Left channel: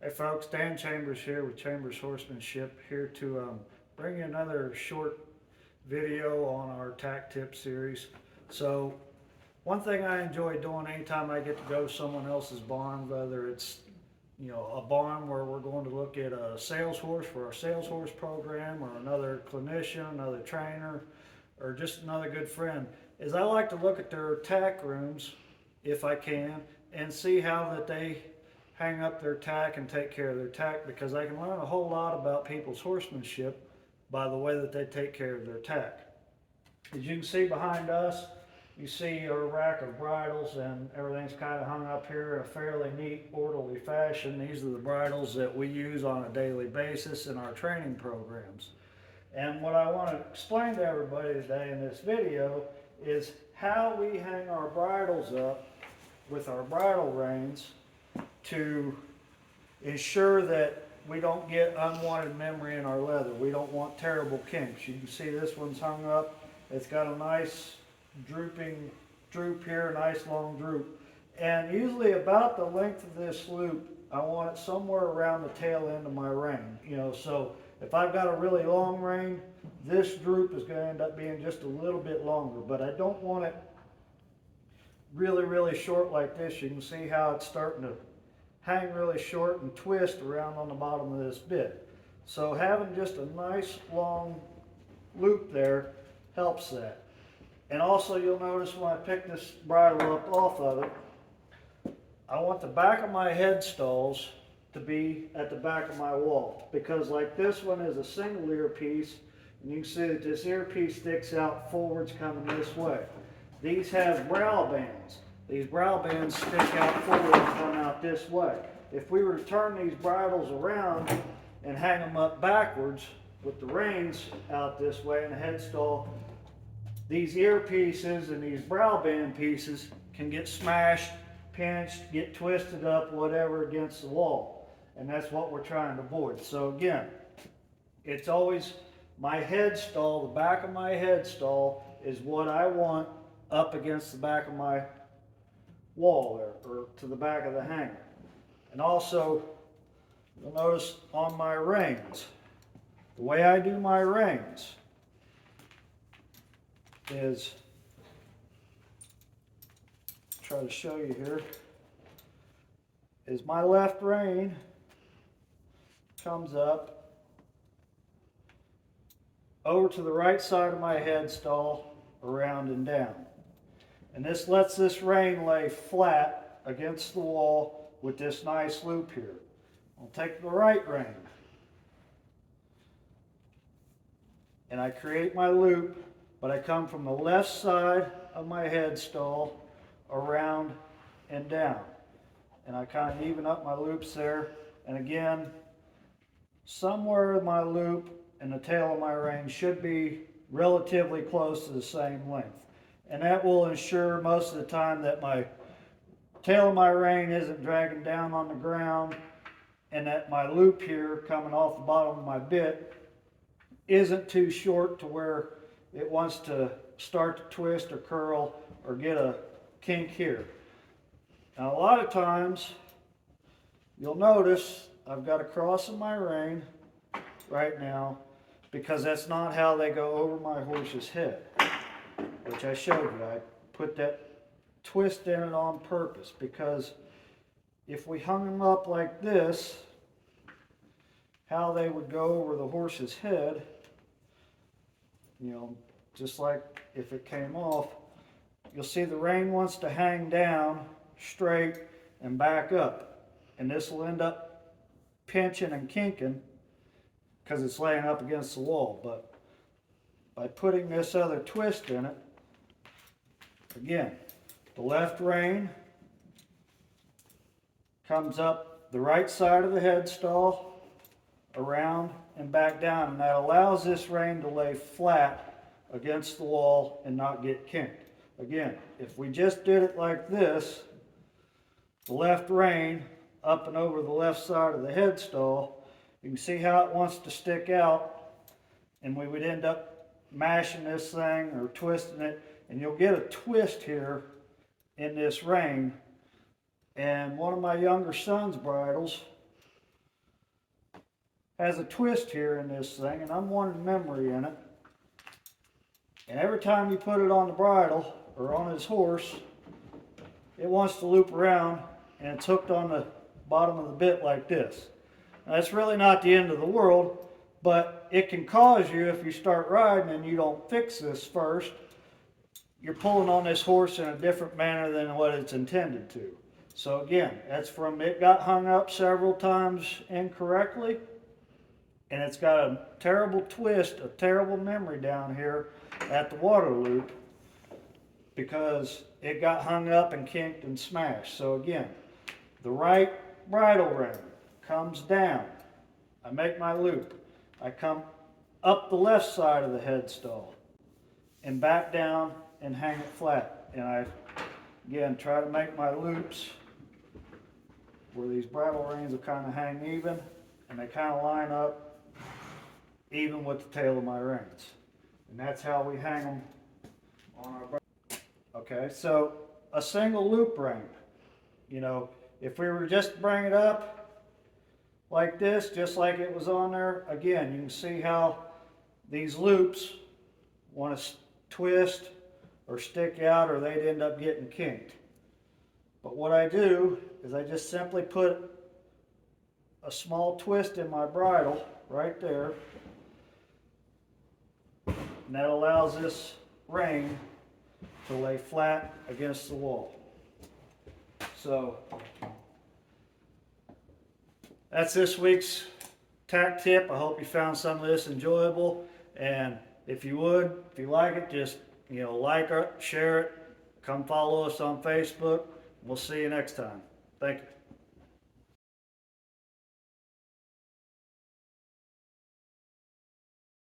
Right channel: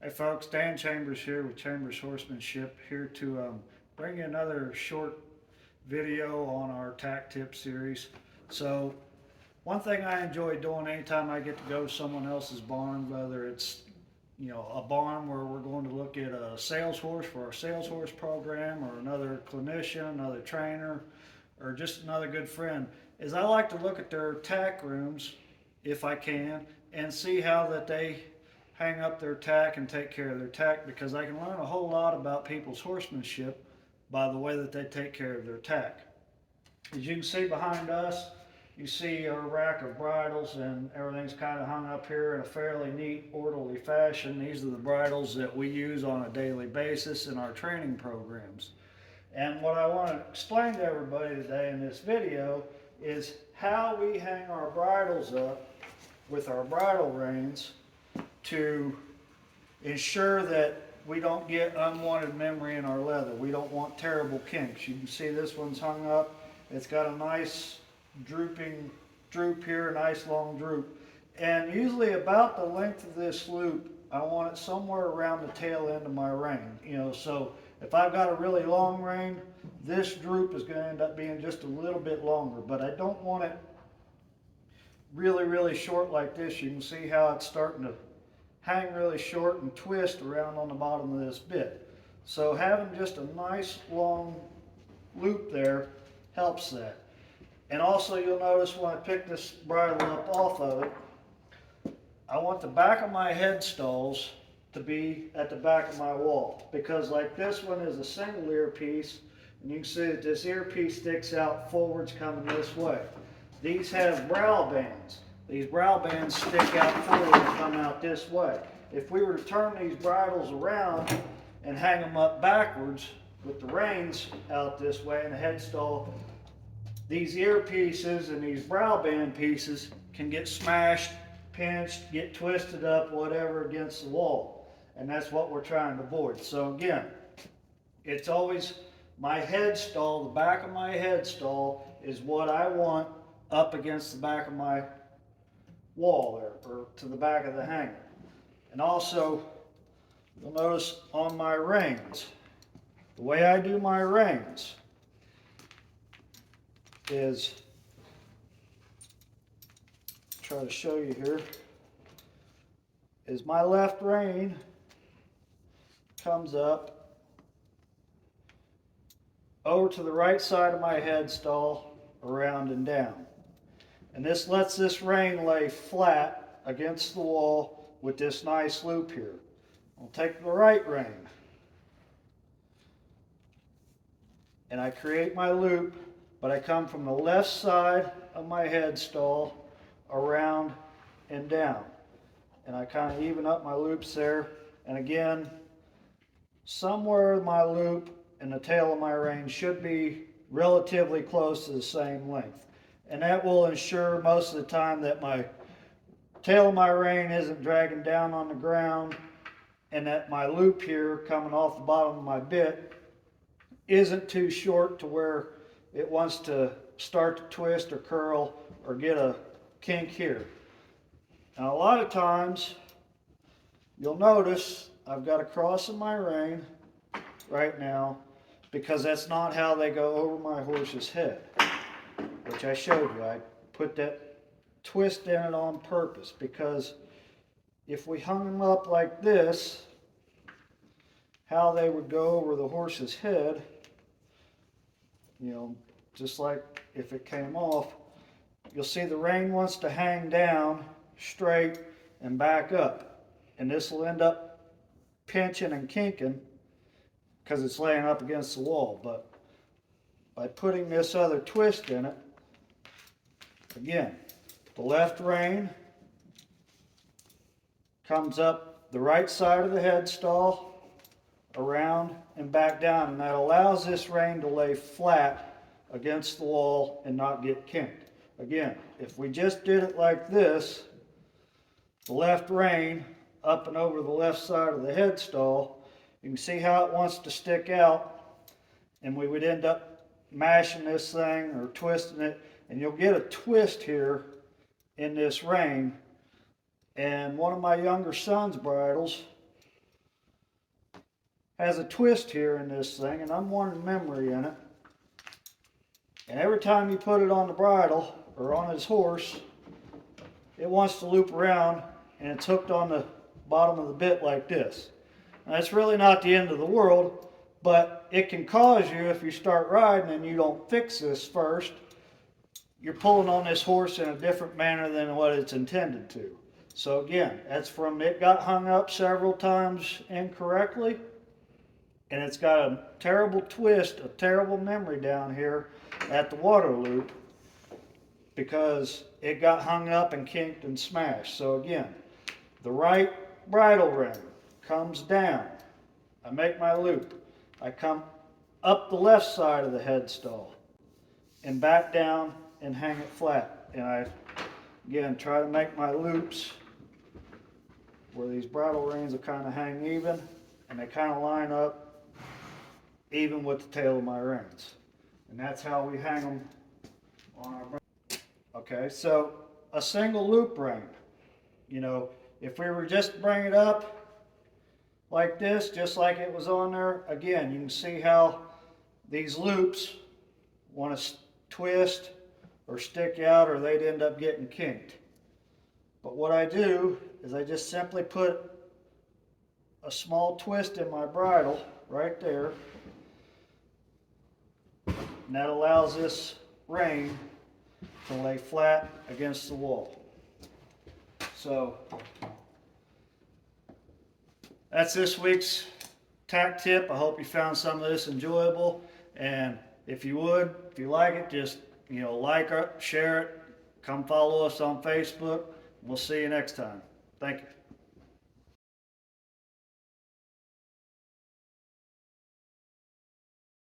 Hey folks, Dan Chambers here with Chambers Horsemanship, here to bring you another short video on our tack tip series. So one thing I enjoy doing anytime I get to go to someone else's barn, whether it's a barn where we're going to look at a sales horse for our sales horse program, or another clinician, another trainer, or just another good friend, is I like to look at their tack rooms if I can and see how that they hang up their tack and take care of their tack, because I can learn a whole lot about people's horsemanship by the way that they take care of their tack. As you can see behind us, you see a rack of bridles, and everything's kind of hung up here in a fairly neat, orderly fashion. These are the bridles that we use on a daily basis in our training programs. And what I want to explain to everybody today in this video is how we hang our bridles up with our bridle reins to ensure that we don't get unwanted memory in our leather. We don't want terrible kinks. You can see this one's hung up. It's got a nice droop here, a nice long droop. And usually about the length of this loop, I want it somewhere around the tail end of my rein. So if I've got a really long rein, this droop is going to end up being just a little bit longer, but I don't want it really, really short like this. You can see how it's starting to hang really short and twist around on the bottom of this bit. So having just a nice long loop there helps that. And also you'll notice when I pick this bridle up off of it, I want the back of my headstalls to be at the back of my wall, because like this one is a single earpiece, and you can see that this earpiece sticks out forwards coming this way. These have brow bands. These brow bands stick out forward and come out this way. If we were to turn these bridles around and hang them up backwards with the reins out this way and the headstall, these earpieces and these brow band pieces can get smashed, pinched, get twisted up, whatever, against the wall. And that's what we're trying to avoid. So again, it's always my headstall, the back of my headstall is what I want up against the back of my wall there, or to the back of the hanger. And also, you'll notice on my reins, the way I do my reins is, try to show you here, is my left rein comes up over to the right side of my headstall, around and down. And this lets this rein lay flat against the wall with this nice loop here. I'll take the right rein and I create my loop, but I come from the left side of my headstall around and down. And I kind of even up my loops there. And again, somewhere my loop and the tail of my rein should be relatively close to the same length. And that will ensure most of the time that my tail of my rein isn't dragging down on the ground, and that my loop here coming off the bottom of my bit isn't too short to where it wants to start to twist or curl or get a kink here. Now a lot of times you'll notice I've got a cross in my rein right now, because that's not how they go over my horse's head, which I showed you. I put that twist in it on purpose, because if we hung them up like this, how they would go over the horse's head, just like if it came off, you'll see the rein wants to hang down straight and back up, and this will end up pinching and kinking because it's laying up against the wall. But by putting this other twist in it, again, the left rein comes up the right side of the headstall, around and back down, and that allows this rein to lay flat against the wall and not get kinked. Again, if we just did it like this, the left rein up and over the left side of the headstall, you can see how it wants to stick out, and we would end up mashing this thing or twisting it, and you'll get a twist here in this rein. And one of my younger son's bridles, has a twist here in this thing, and unwanted memory in it. And every time you put it on the bridle or on his horse, it wants to loop around, and it's hooked on the bottom of the bit like this. Now, that's really not the end of the world, but it can cause you, if you start riding and you don't fix this first, you're pulling on this horse in a different manner than what it's intended to. So again, that's from it got hung up several times incorrectly, and it's got a terrible twist, a terrible memory down here at the water loop because it got hung up and kinked and smashed. So again, the right bridle ring comes down. I make my loop. I come up the left side of the headstall and back down and hang it flat. And I, again, try to make my loops where these bridle reins will kind of hang even, and they kind of line up even with the tail of my reins. And that's how we hang them on our bridle. Okay, so a single loop ring, you know, if we were just to bring it up like this, just like it was on there, again, you can see how these loops want to twist or stick out, or they'd end up getting kinked. But what I do is I just simply put a small twist in my bridle right there, and that allows this ring to lay flat against the wall. So that's this week's tack tip. I hope you found some of this enjoyable, and if you like it, just like it, share it, come follow us on Facebook. We'll see you next time. Thank you.